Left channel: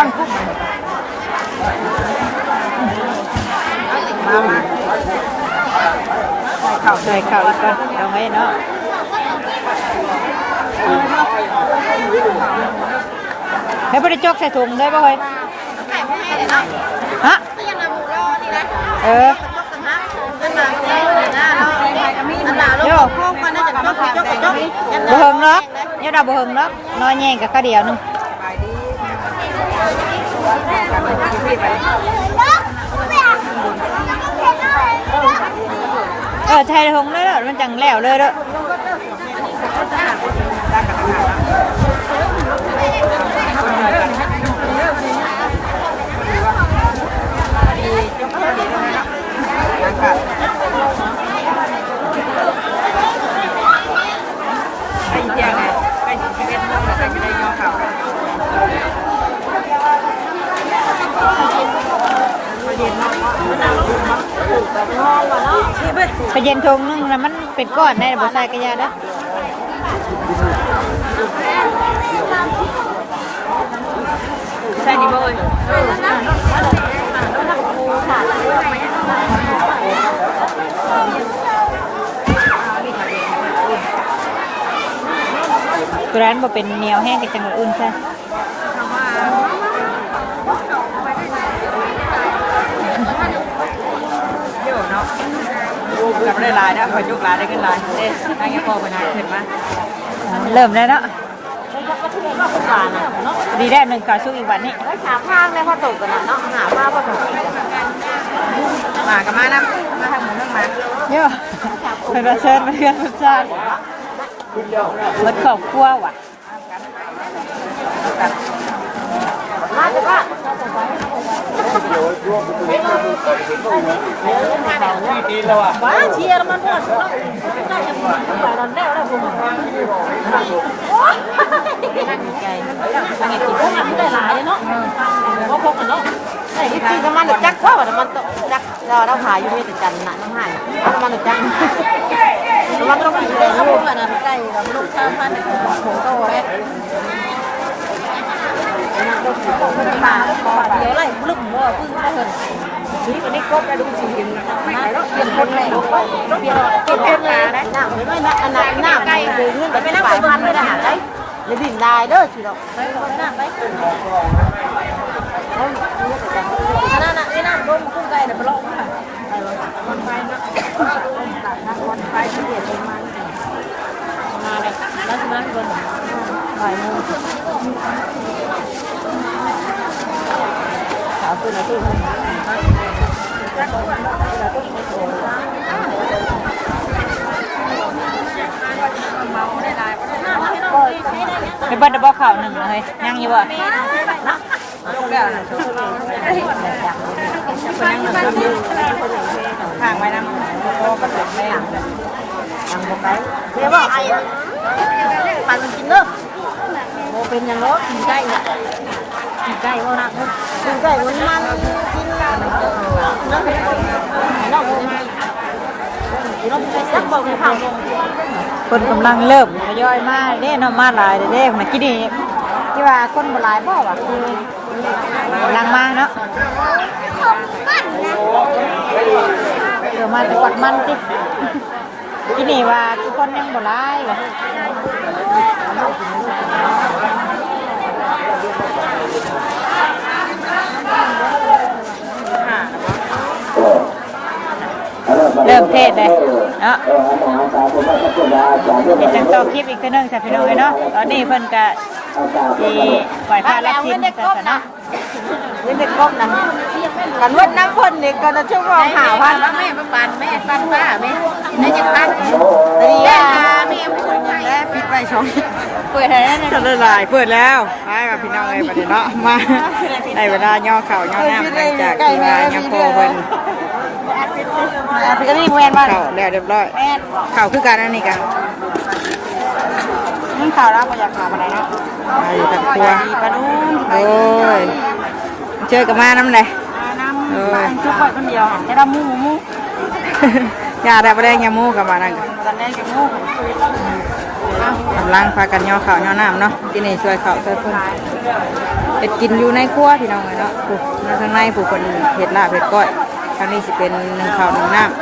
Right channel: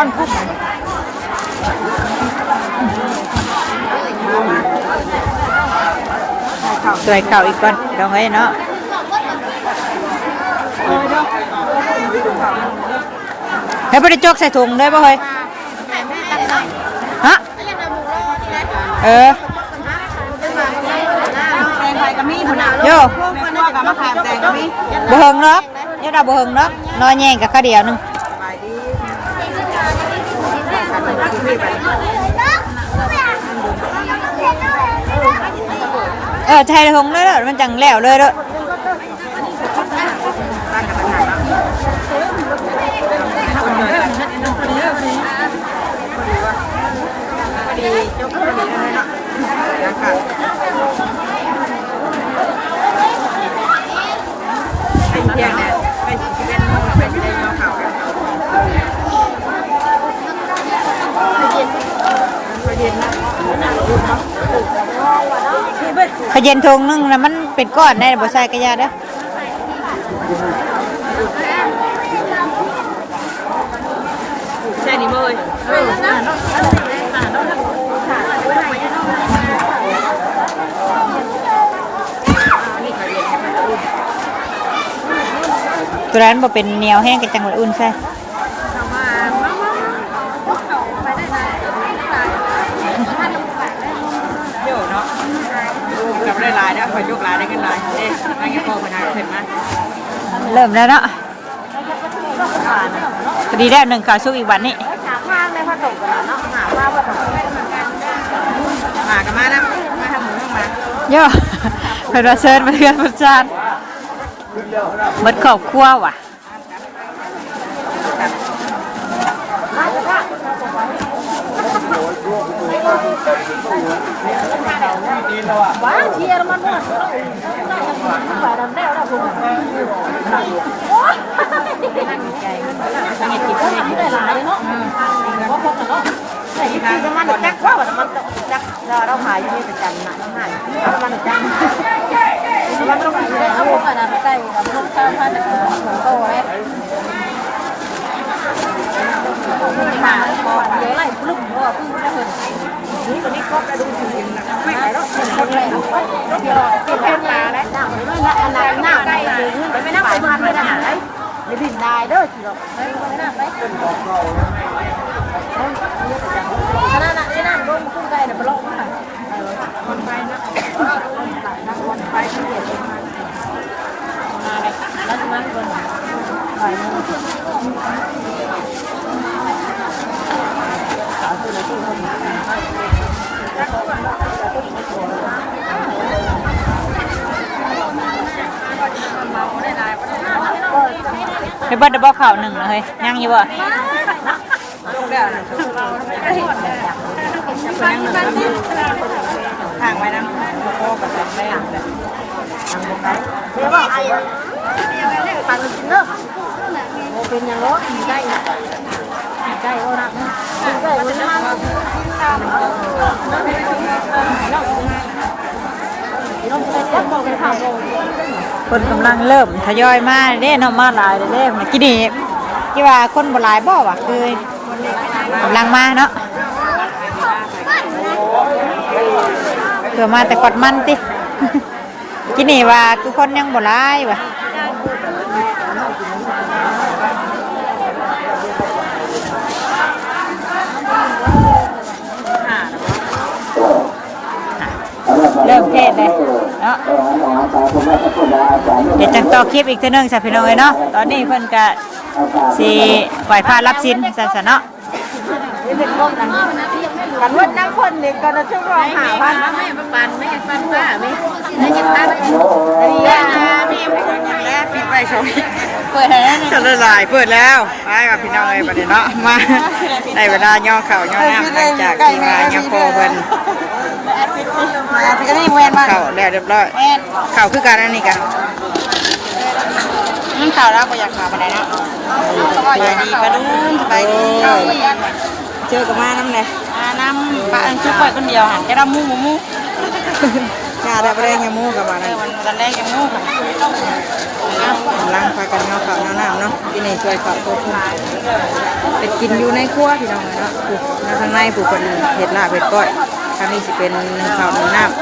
ก้อนคุบไปใส่เข่าอีกก่อนลองไว้เนาะให้ไปได้จกใส่ถุงได้ป่ะเฮ้ยฮะโย่บ่เฮิงล็อกเนี่ยเราบ่เฮิงล็อกนอนแย่งกับข้าวเดียวนึงใช่เลยหงเลยมันจังแล้วเลยเด้อตั้งกันทางแล้วคนเดินกันดียกคนดีเลยเนาะนะครับไอ้เพียงเนี่ยไปที่เป็นห้องมันจะไม่ได้เงาเข่าขเย็นนะขเย็นทงนึงนะมันเป็นก้อนได้บ่ใช่กระยาเด้อใช่นี่บ่ยตัวนั้นบ่เป็นเหนียวแห้งกันจังเลยอุ่นใช่เดี๋ยวเนาะเราไม่ได้ลายนะคอยยกลายได้ขึ้นลายเอ๊ะให้พ่อพนักเห็นไหมเริ่มแล้วเนาะดีแล้วหนึ่งขาชุกอีกวันนี้มากับมานะมาทำหมูทั้งมาโย่เราเชิญมาเรียนประจานหมดครอบครัวว่ะมันจักว่ามันจักเราถ่ายอยู่ที่จันทร์นะถ่ายมันจักมันต้องมีแรงลูกนะใกล้กับลูกตามมาแต่ก่อนโตเลยค่ะพอไปไล่ลุ่มว่านี่คนนี้ครบได้ลูกสี่ไม่ไหวแล้วเปลี่ยนคนเลยเปลี่ยนคนมาแล้วหน้าไม่หน้าหน้าใกล้เลยมันไม่น่าไปบ้านไม่ได้อย่าดิ่งได้เด้อสิเราหน้าไปนั่นโดนกุ้งไก่เดี๋ยวไปลงคนไปนะคนไปที่เดียวมากันนั่งคนไปเบิ้ลดับเบิ้ลข่าวหนึ่งเลยนั่งอยู่บ่ลงแล้วนะทางไว้นะโตกับตับแม่เดี๋ยวว่าไอ้ปันกินเนาะเป็นอย่างนู้นกินได้กินได้ก็รักกินได้ก็รักกินคนกำลังเริ่มทยอยมาเด้นเอามาหลายเด้นะกี่ดีกี่ว่าคนบ่หลายบ่วะคือกำลังมาเนาะเกิดมาแต่กดมันติกี่นี่ว่าทุกคนยังบ่หลายวะเริ่มเทศเลยเนาะเดี๋ยวจังต่อคลิปอีกทีนึงสับพี่น้องเลยเนาะตอนนี้เพิ่นก็สิไหวพระรับสินสันเนาะนี่เป็นพวกนั้นกันวัดน้ำพ่นเด็กกันจะช่วยเราหาว่าแม่ปันแม่ปันว่าแม่ได้จังตั้งดีอ่ะแม่แล้วปิดไปชมเปิดแล้วจะละลายเปิดแล้วไปกับพี่น้องเลยประเดี๋ยวเนาะมาในเวลาย่อเข่าย่อน้ำหลังจากที่ว่าย่อโคเพิ่นเข่าแล้วเรียบร้อยเข่าคือการนั่นนี่กันมันเข่าแล้วก็อยากขาอะไรเนาะตัวนี้ก็ดูไปเจอกับมาน้ำไหนน้ำปลาชุบไปคนเดียวหันแค่ดำมู ยาได้บ่ได้ยามูกับมานั่น มันตอนแรกยังโง่ค่ะ กำลังพากันย่อข้าวย่อน้ำเนาะที่นี่ช่วยข้าวช่วยพุ่มเป็ดกินอยู่ในครัวพี่น้องเนาะปลูกในทางในปลูกเป็นเห็ดลาบเห็ดก้อยทางนี้สิเป็นนึ่งข้าวนึ่งน้ำ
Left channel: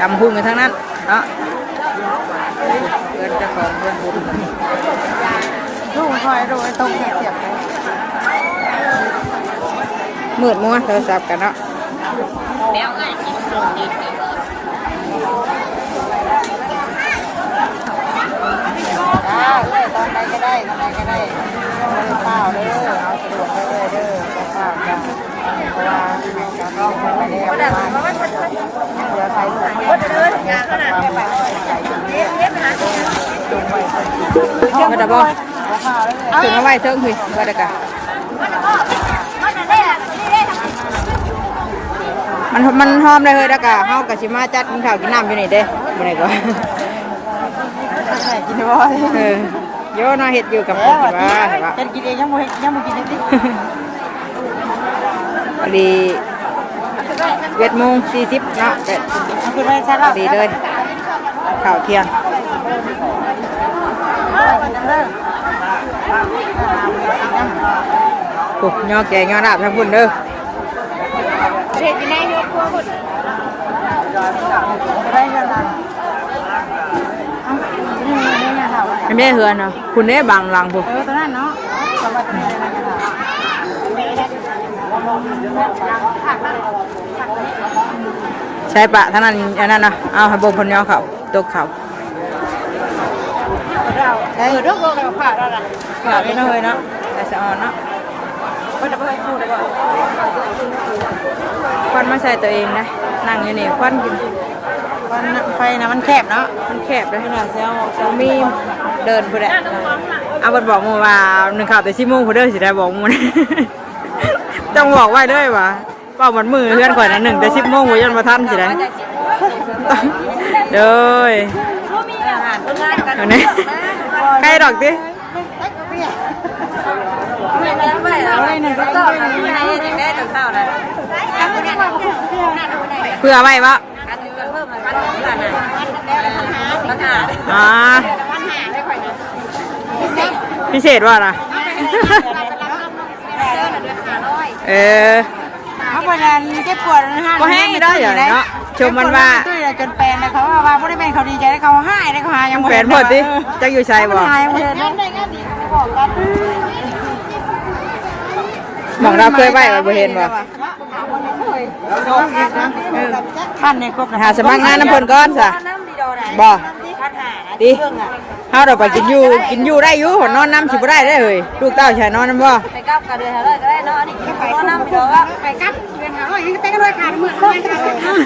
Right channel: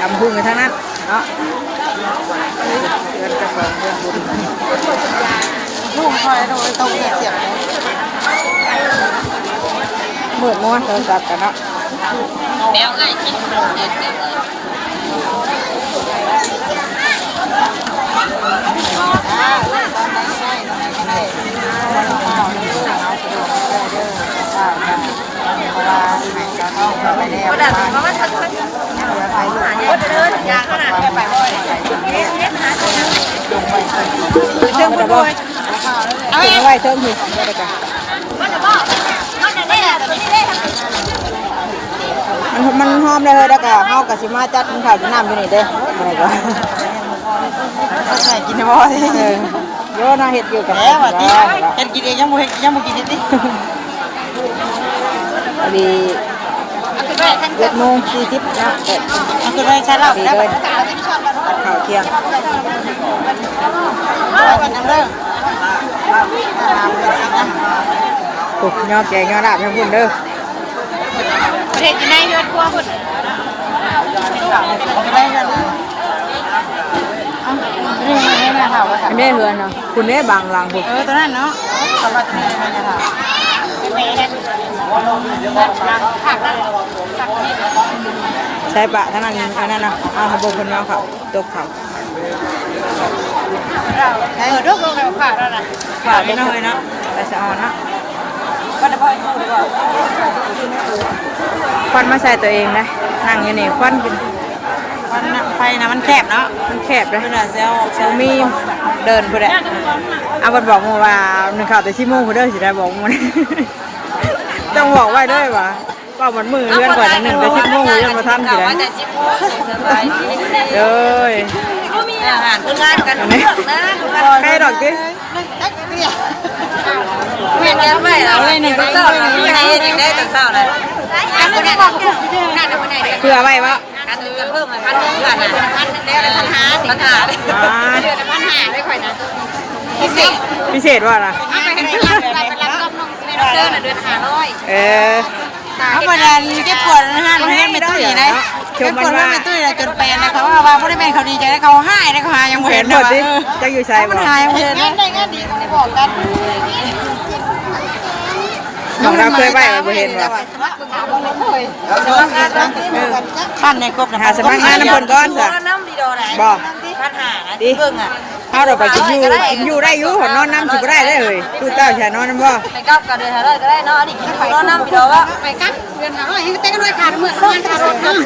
ทำพุ่งกันทั้งนั้นเนาะเพื่อนเจ้าของเพื่อนบุญ ลูกชายโดยตรงเสียบ มืดมัวโทรศัพท์กันเนาะเชื่อมกันบ่เอาไว้เชื่อมหิบ่ได้กันมันหอมเลยเฮ้ยดากะเฮากะสิมาจัดกินข้าวกินน้ำอยู่นี่เด้บ่ได้ก็ ใส่กินบ่อย โยน่าเฮ็ดอยู่กับ แล้ว ว่า เห็นกินเองยังบ่กินดิ ดี7:40เนาะแต่ มันคือได้ใช้เหล้า ดีเลยข้าวเที่ยง วันนั้นเริ่ม โอ้ยอแกงยอลาบทั้งพุ่นเด้อ เด็กในยอดครัวพุ่นอันนี้เฮือนเนาะคุณเด้บางหลังพุ่น ตัวนั้นเนาะสำหรับตัวนี้นะคะผักนั่น ใช่ปะท่านั้นอันนั้นเนาะเอาให้บ่คนยอเขาตกเขา ลูกผักนั่นน่ะ ข้าวตกเลยนะแต่สะอ่อนเนาะ ก็จะไปพูดดีกว่า ควันมาใส่ตัวเองนะนั่งอยู่นี่ควันเป็น ไฟนะมันแคบเนาะ มันแคบเลย มันน่ะเซล มีเดินพุ่นแหละเอาบัดบอกมาว่า1 ข่าวแต่10 โมงพุ่นเด้อสิได้บอกมื้อนี้ ต้องบอกไว้เด้อว่าเป้ามันมือเลื่อนก่อนนะ1 แต่ 10 โมงยังบ่ทันสิได้ แต่10 โมงสบาย เด้อ อาหารคนงานกันเลือกนะ ใครดอกติ ไม่แล้วไม่แล้วนี่ก็เศร้าแล้วไม่ให้ยังได้แต่เศร้าเลยการคนนี้ว่าเขาพูดที่นั่นคนไหน เพื่อไว้วะ การเงินเพิ่มมาพันหนึ่งกันนะพันแล้วปัญหาเดือนปัญหาไม่ค่อยนะพิเศษ พิเศษว่าล่ะ เอาไปให้รับกับน้องเมนเซอร์เดือน500เขาบอกว่าเก็บปวดนะฮะแห้งไม่ได้เลยนะคือมันว่าตุ้ยจนแปลงนะเขาว่าไม่ได้เป็นเขาดีใจเขาให้นะเขาหายัง แฟนหมดดิจะอยู่ใส่บ่ หายังเห็นได้งานดีบอกกัน น้องเราเคยไว้บ่เห็นบ่ บ้านในกบ หาสมัครงานน้ำเพิ่นก่อนซะบ่ดิเฮาเราไปกินอยู่ได้อยู่นอนน้ำสิบ่ได้เด้อเฮ้ยลูกเต้าแช่นอนน้ำบ่ ไปกับกันเดือน500ก็ได้เนาะนี่กินนอนน้ำพี่ดอกว่าไปกับเดือน500ยังเต้นกันด้วยขาดเมื่อวานขาดรถเนาะ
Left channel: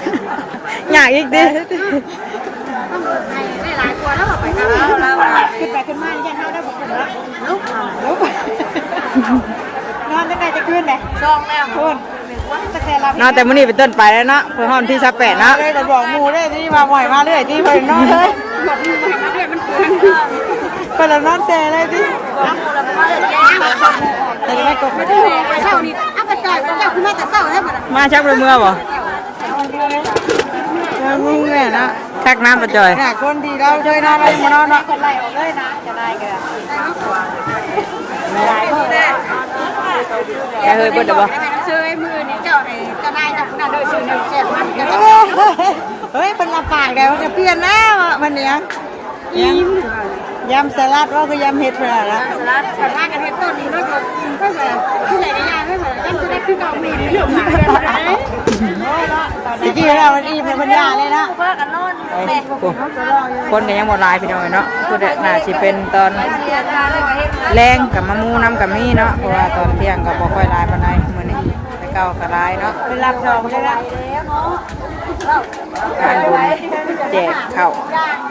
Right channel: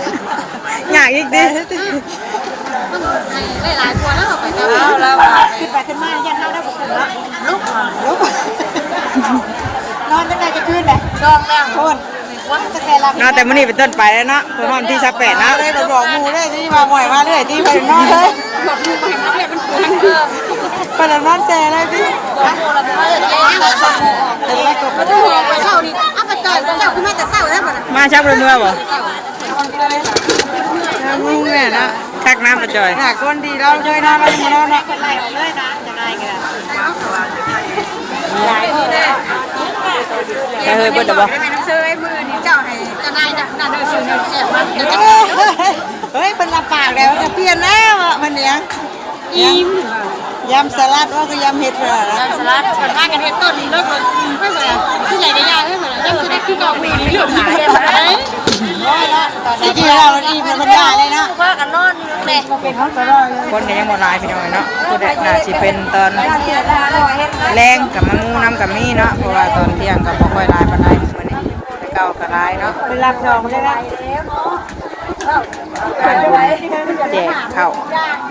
อยากอีกดิ ได้หลายตัวแล้วไปกันแล้วขึ้นไปขึ้นมายันได้บอกลุกนอนจะได้จะขึ้นเลยช่องแล้วคุณวัดตะแกรง เนาะแต่มื้อนี้เป็นต้นไปแล้วเนาะเพิ่นฮอดที่28เนาะ ได้บอกมูได้ที่มาบ่อยมาเรื่อยที่ไปนอนเลยบอกมูไปมาเรื่อยมันเปลืองไปแล้วนอนแซ่เลยที่บอกมูแล้วมาเรื่อยแก้เดี๋ยวบอกมูจะได้กดมาดูเช้านี้อ้าวไปจอยเจ้าคุณแม่แต่เช้าได้บ่ มาชักเมื่อบ่ มึงเนี่ยนะ ชักน้ำมาจ่อย น่ะคนดีเราด้วยนะเรามานอนเนาะคนไล่ออกเลยนะจะได้กันนี่แหละ แต่เฮ้ยเบิดบ่ เชยมือนี่เจ้าให้จะได้จับนั่นด้วยชื่อเสียบมันเฮ้ยเป็นลำปากแล้วจะเปลี่ยนแล้วมันเนี้ยอิ่มยำสลัดว่าก็ยำเห็ดเปล่ายำสลัดคนว่ากันเห็ดต้นนี้รสรสเพื่ออะไรที่ใหญ่ในย่างเพื่ออะไรยำสลัดคือกองมีนี่เหลือมหายไปไหนที่จริงเราดีมันยากเลยนะว่ากันนอนแม่ คนเนี่ยยังบ่หลายพี่น้องเนาะคือน่าสิเป็นตอนแรงกับมะมูน้ำกับมีเนาะเพราะว่าตอนเที่ยงก็บ่ค่อยหลายปานใดมื้อนี้แต่เก่าก็หลายเนาะ เป็นรับรองได้ละ งานบุญแจกข้าว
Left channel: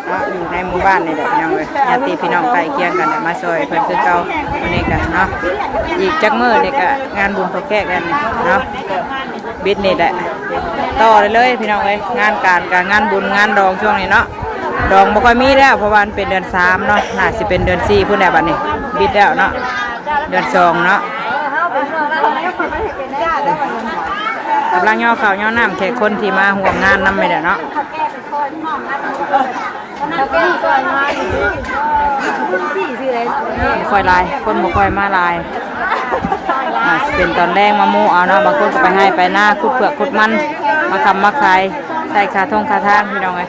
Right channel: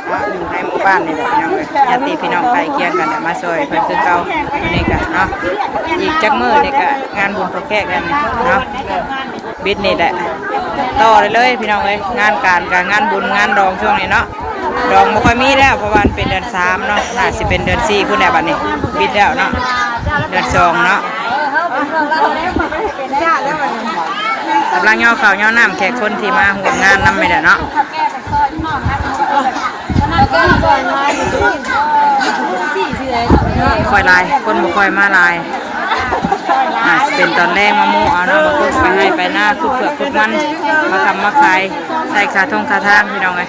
เนาะอยู่ในหมู่บ้านนี่แหละพี่น้องเอ้ยญาติพี่น้องใกล้เคียงกันน่ะมาช่วยเพิ่นคือเก่ามื้อนี้ก็เนาะอีกจักมื้อนี่ก็งานบุญพระแขกกันเนาะบิดนี่แหละต่อเลยพี่น้องเอ้ยงานการกับงานบุญงานดองช่วงนี้เนาะ ดองบ่ค่อยมีแล้วเพราะว่ามันเป็นเดือน3เนาะน่าสิเป็นเดือน4พุ่นแหละบัดนี้บิดแล้วเนาะเดือน2เนาะกำลังย่อข้าวย่อน้ำแขกคนที่มาห่วงงานนำไม่ได้เนาะค่อยลายคนบ่ค่อยมาลายเป็นตอนแรกมามูเอาเนาะบางคนก็ไปให้ไปหน้าคุดเผือกคุดมันมาทำมาขายใส่คาทงคาทางพี่น้องไง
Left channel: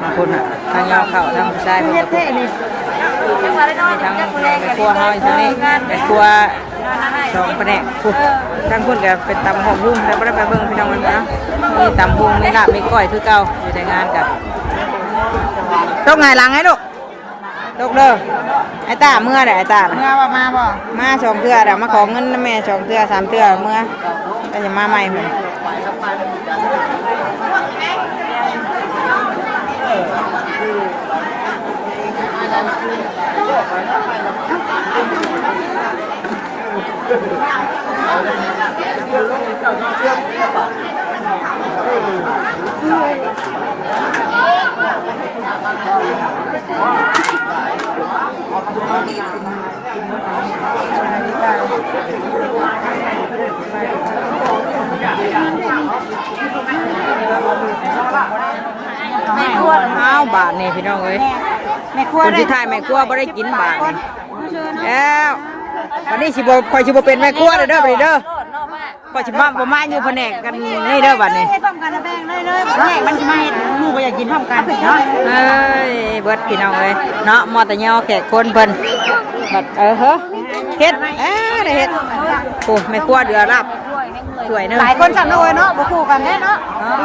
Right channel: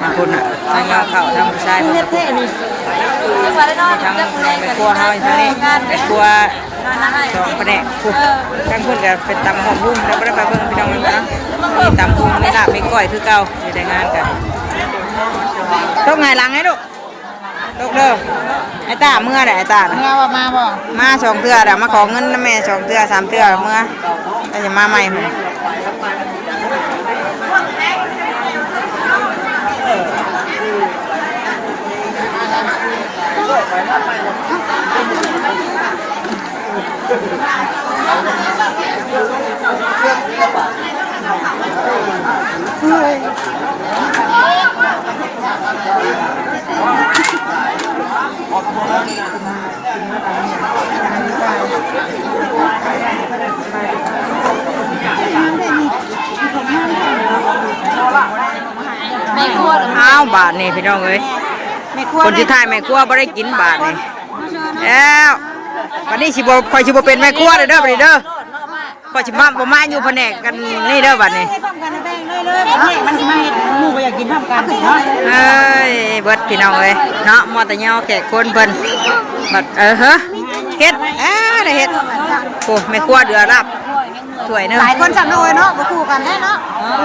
บางคนอ่ะทั้งยาวเข่าทั้งผู้ชายคนละคนทั้งในครัวเฮาทั้งนี้ในครัว2ประเดะทั้งคนจะเป็นตำหอมบุ้งแล้วไม่ได้ไปเบิ่งพี่น้องเลยนะมีตำบุ้งมีลาบมีก้อยคือเก่าอยู่ในงานกันตกไงหลังให้ลูกตกเด้อไอ้ตาเมื่อไหร่ไอ้ตาเมื่อว่ามาบ่มา2เทื่อเดี๋ยวมาขอเงินนะแม่2เทื่อ3เทื่อเมื่อก็จะมาใหม่เพิ่นอ้าวบาทนี่พี่น้องเอ้ยคนที่ถ่ายแม่ครัวบ่ได้กินบาทนี่แล้ววันนี้คอยสิบ่เป็นแม่ครัวเด้อบัดนี้เด้อคอยสิมาบ่มาอยู่แผนกกันนี่เด้อบัดนี้มันไม่หมู่บ่อยากกินพร้อมกันเนาะเอ้ยเบิดพี่น้องเอ้ยเนาะมอตะยอแขกคนเพิ่นบัดเฮ้อเฮ็ดได้เฮ็ดโอ้แม่ครัวเดือรับถ้วยนึงหลายคนสั่งเลยเนาะบ่คู่กันแน่เนาะ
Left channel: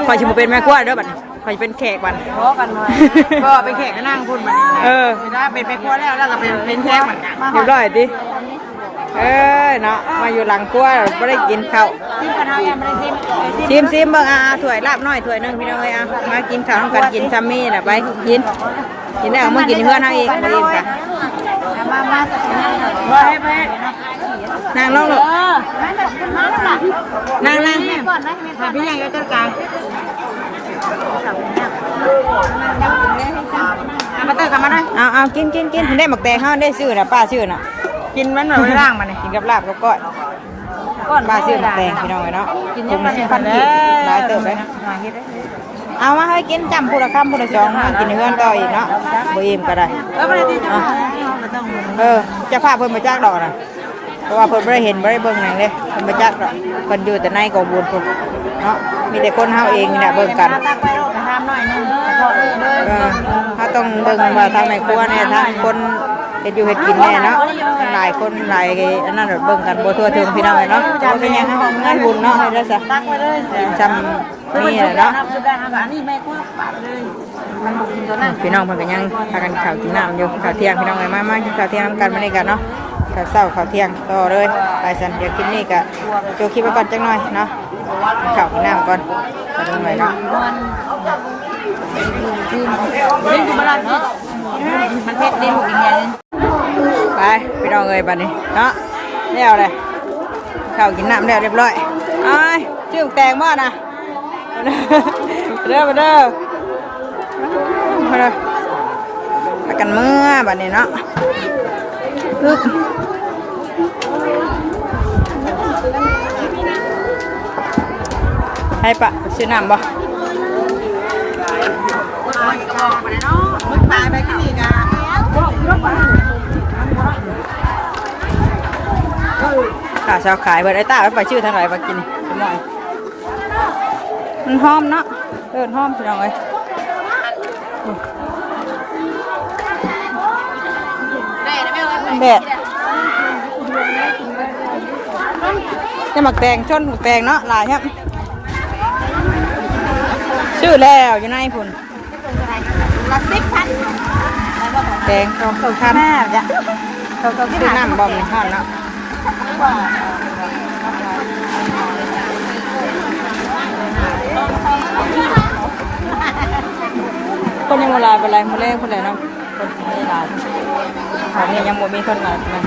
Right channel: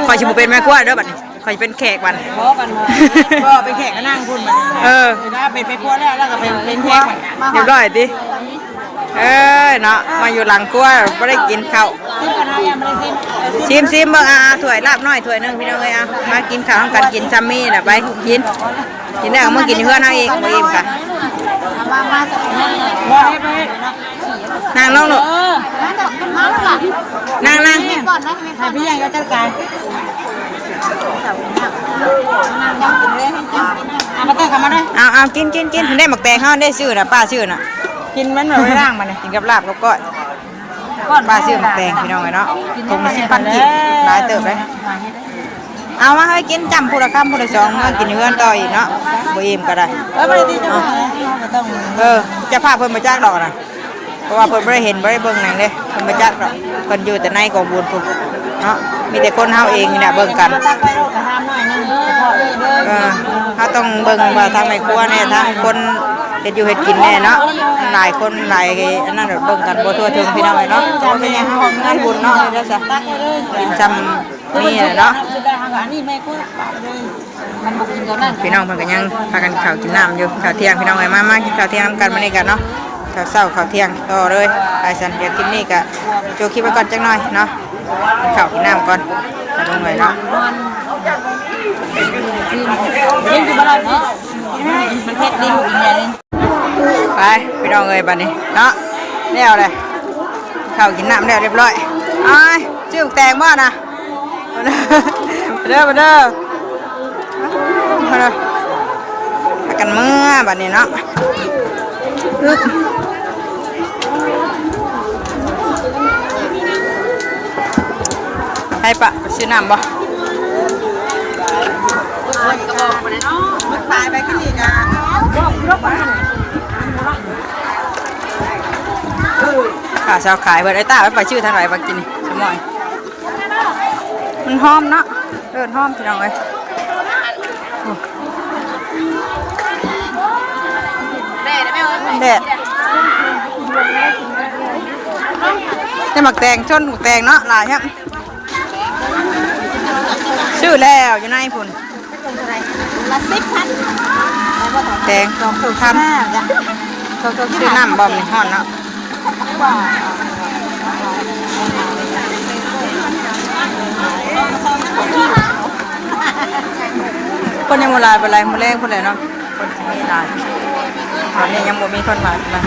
คอยสิบ่เป็นแม่ครัวเด้อบัดนี้คอยเป็นแขกวันขอกันมาก็เป็นแขกก็นั่งคุณถ้าเป็นครัวแล้วก็เป็นแขกมันเรียบร้อยดิเนาะมาอยู่หลังครัวไม่ได้กินข้าวซิมเบิ่งถ้วยลาบน้อยถ้วยนึงพี่น้องเอ้ยมากินข้าวต้องกันกินซัมมี่น่ะไปกินแล้วมากินเพื่อนเอาเองบ่อิ่มกะนั่งลงลูกนั่งพี่ยังก็จัดการเอากินได้หมักแตงเขาได้ซื้อนะป้าซื้อน่ะกินมันหน่อยล่างมันกินกับลาบกับก้อยป้าซื้อหมักแตงพี่น้องเนาะถุงละ10,000 กีบหลายเติบเลยเอามาให้กินจำผู้ละคำผู้ละ2มากินเฮือนต่ออีกเนาะบ่อิ่มก็ได้จะพาเพิ่นมาจากดอกนะเพราะว่าเพิ่นไม่ได้เห็นไม่ได้เบิ่งหนังเลยเพิ่นมาจากดอกเพิ่นอยู่แต่ในกองบุญพุ่นเนาะมีแต่คนเฮาเองนี่แหละเบิ่งกันเขาต้องเบิ่งว่าทางในครัวเนี่ยทางคนเฮ็ดอยู่เฮ็ดกินแน่เนาะหลายคนหลายอันนั้นเบิ่งกันบ่ทั่วถึงพี่น้องเนาะจำเป็นยังงานบุญเนาะแล้วซะกินจำนี่แหละเนาะพี่น้องเพิ่นก็ยังพากันข้าวกินน้ำอยู่ข้าวเที่ยงพี่น้องเอ้ยมากินข้าวเที่ยงนำกันมื้อนี้กันเนาะข้าวเช้าข้าวเที่ยงต่อเลยไปซั่นเดี๋ยวคลิปนี้ก็โจคลิปไว้ก่อนจักหน่อยเนาะกินข้าวกินน้ำก่อนจะลงเลยเนาะไปพี่น้องเอ้ยบัดนี้เนาะแล้วเลยข้าวกินน้ำแล้วเรียบร้อยชื่อแตงบ้านะมาเด้อพากันเมื่อบัดนี้เนาะให้ปะไปซื้อน้ำบ่ตายไปกินอีกขาชาวขายเบอร์ไอ้ตาไปชื่อทางไหนมากินสมอยมันหอมเนาะหอมพี่น้องเอ้ยแดดจะหมักแตงชนหมักแตงเนาะหลายครับชื่อแล้วอยู่ในพุ่นละ10,000แตง2,000ชื่อน้ำบอมในห้องเนาะคนยังโมลายไปไรโมแรงคนไหนเนาะคนไม่ลายตอนนี้ยังโมมีคนลายนะ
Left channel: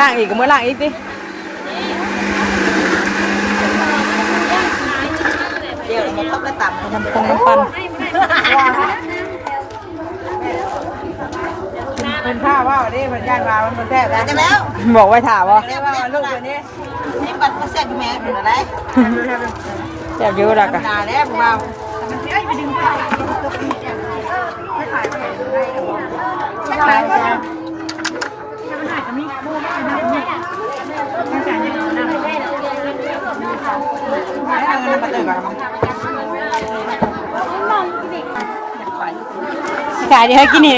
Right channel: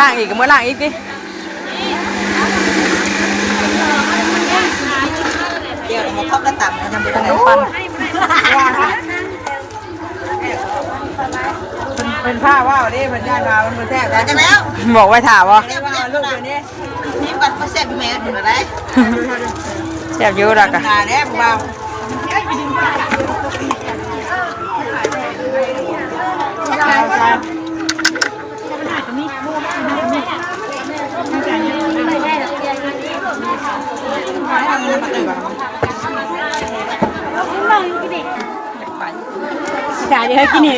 ล่างอีกก็เมื่อล่างอีกดิเดี๋ยวเราต้องกระตับ น้ำปงน้ำปั้น เป็นผ้าว่าวันนี้มันย่านมามันแทบจะแล้ว บอกไว้ถามว่า แทบมาแล้วลูกตัวนี้นี่บัตรมาเสร็จแม่ถึงอะไร แซ่บอยู่ดักอะ นาเนี่ยพวกเรา ขายดีให้กินนี่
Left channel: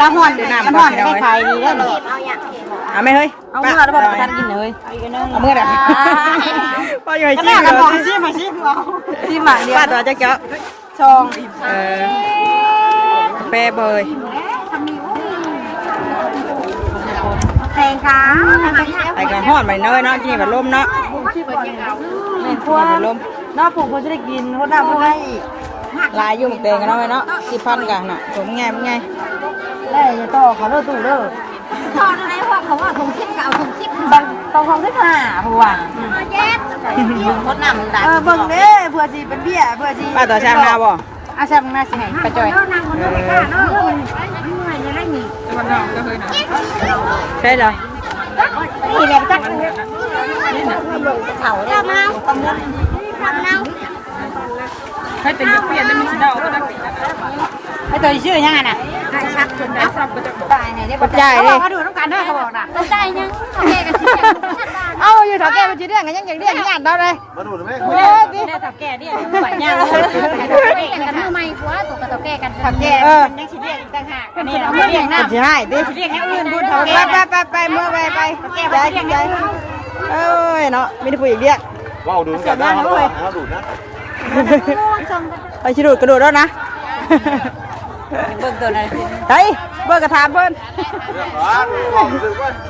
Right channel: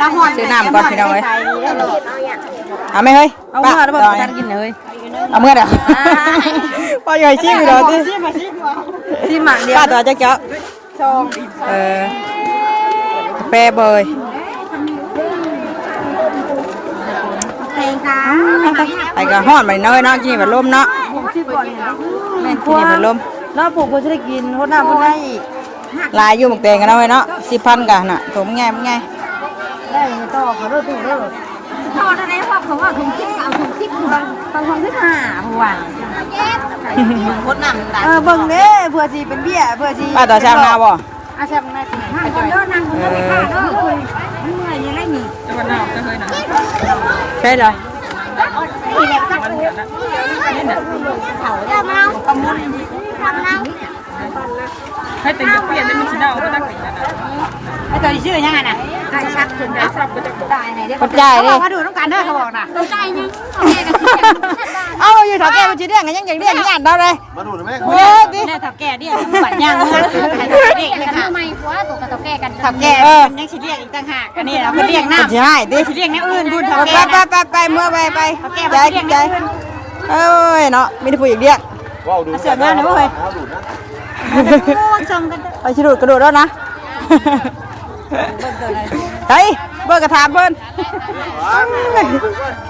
น้ำหอดซื้อน้ำก่อนพี่น้อยเอาไหมเฮ้ยเอาเมื่อแล้วบอกจะกินเลยเอาเมื่อไหร่พอใหญ่ชิมเลยชิมหมักเดียวป้าตัวจะเจาะชงแปรเบย แพงค่ะ ไอ้กระห้อนไปน้อยเนาะกินแบบลมเนาะกินแบบลม น้องผูกพอจะได้กินพวกน้าพวกได้อีก ลายอยู่หมกแดงกันเนาะเนาะ10,000กันน่ะผมไงมึงไง ได้ต่อเขาเลิกตู้เลิก ทอดอะไรพวกเขาว่าผมคิดเก่าผมคิด บางคนก็หาผัว แย่ใส่โคตรหน้ามันตาย เบิ่งเด้เพื่อจีเป็นเบี้ยเพื่อจี ป้าต่อช่างนาบ่ อาชาหน้าสิไหนไปจอย นั่งคนนั้นไม่กล้าเนาะมันเหนื่อยยังไงมี ใช่เหรอ นี่แหละจักเลยเขาได้มาตะมุนทำเน่า ไอ้ตัวชื่อยังไงน่ะ ได้ชักถึงได้ตายไหนได้ ปัจจัยดิ มาดูต้องการได้เขาบอกน่ะ ใจยัง เอาอยู่ถอดแก้วจีเรียงกันยังเรียงงานเราเลยโอ้ยดิ ทับแก่ดิไหวยัง กันทำไมหัวตกกระตกแก่กันทับแก่ ยังสิเรียกอีกต่างหากนี่เราไม่เรียกหน้า ปัจจัยดิ เรียกแนวอื่นดู ไปเมื่อไปใจเอ้ยเนาะไม่ได้พูดอย่างเดียว ว้าวดูเสียงนะดูดนะ ไปชิดูดกระโดดแล้วนะเฮ้ยเบิร์กระถามเบิ้ล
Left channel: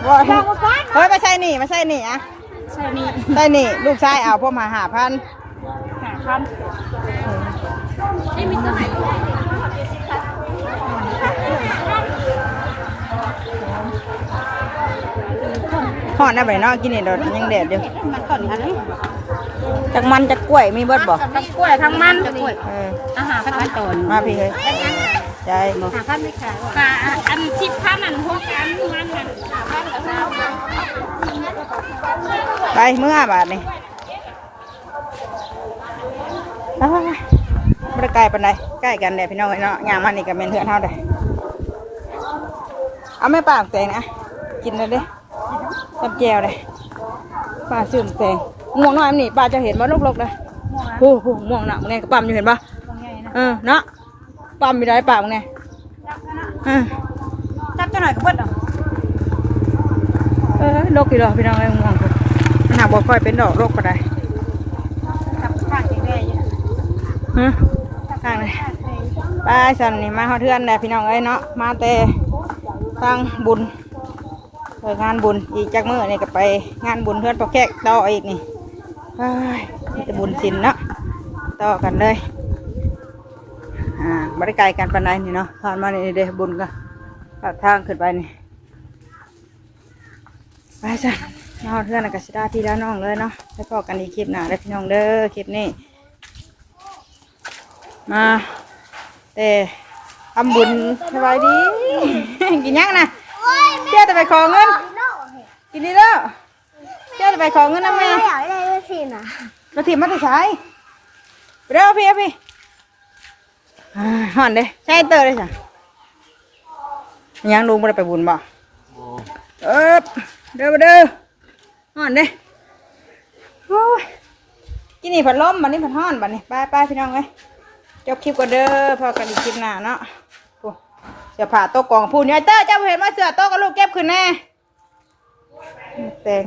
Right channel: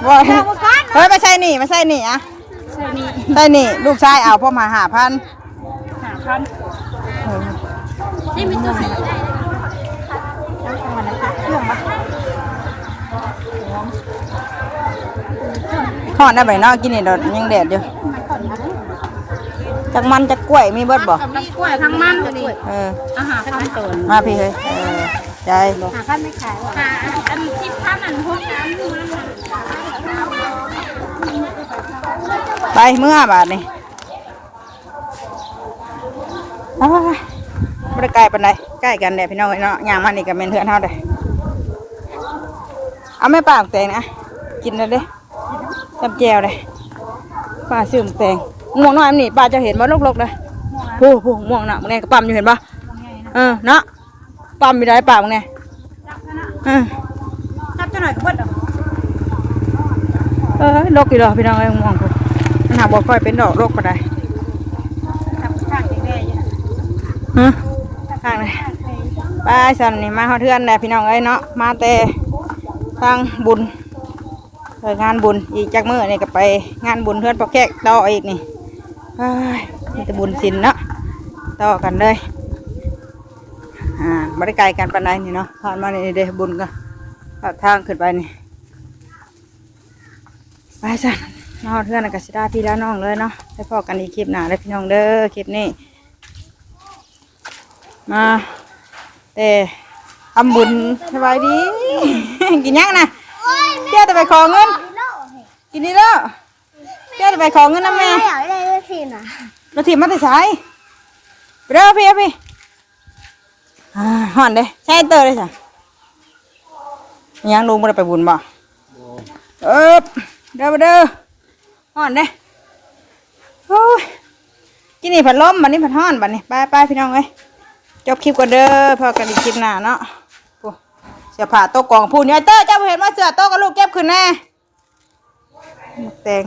บอกเฮ้ยไม่ใช่นี่ไม่ใช่นี่อะใช่นี่ลูกชายเอาพ่อมา5,000ทอดได้ไหมเนาะกินนี่โดดยังแดดอยู่จากมันจากกล้วยมีเบิดบ่ มีกล้วยทั้งมัน อาหารขั้นตอน มาพี่เฮ้ยใจ หาขั้นไม่ขายว่ะอันทิพย์ขั้นอันพวกอันมูน้ำมัน ไปเมื่อบาทนี่ไม่ได้ไกลปานใดใกล้กันเดี๋ยวพี่น้องเนาะย่างมันนี่กับเมนเถื่อนเท่าใดเอาไม่ปากแตงนะกินเลยดิจับแจวเลยป้าซื้อแตงม่วงน้อยนี่ป้าจะเห็นว่าลกๆเลยผู้ม่วงน่ะมึงไงก็ปั๊มอยู่เห็นปะเนาะปั๊มมีได้ปากมึงไงจับจะหน่อยเพื่อน ลกอยู่ดอกพี่น้องไอ้ม่วงกูมันหาบ่ค่อยเป็นดอกลกก็ได้ทางเลยไปสันนี่มาเขาเทือนแหละพี่น้องเอ้ยเนาะมาแต่ทางบุญงานบุญอีกจากมื้อนี่ก็ไปงานบุญเพื่อนปอกแขกต่ออีกนี่นี่จะบุญศิลเนาะต่อกันเลยบริการกันปานใดนี่เนาะผ่านมานี่เด้บุญก็ทางขึ้นไปนี่ไปสันนอนเทือนกับสิดาพี่แล้วน้องเลยเนาะให้พอกันอีกคลิปหน้าเลยพี่น้องเด้อคลิปนี้มาทำบุญสบายดี กินยังนะเจ้าจะไปขอเงินกินนี่แล้วเจ้าจะไปขอเงินนะแม่ อยากได้ด้วยสินะ เราถีบมาแต่สายไปเด้อพี่ห่อนเด้ใช่เตอร์เลยสิยังลุงไม่ได้ไปบุญบ่เด้อห่อนเด้โอ้ยกินนี่ผัดลมบัดนี้ผัดห่อนบัดนี้ไปพี่น้องเอ้ยจบคลิปก่อนเด้อพอกันอีกคลิปหน้าเนาะเสื้อผ้าโต๊ะกองพูนยายเตอร์เจ้าเห็นว่าเสื้อโต๊ะกับลูกเก็บขึ้นแน่แตง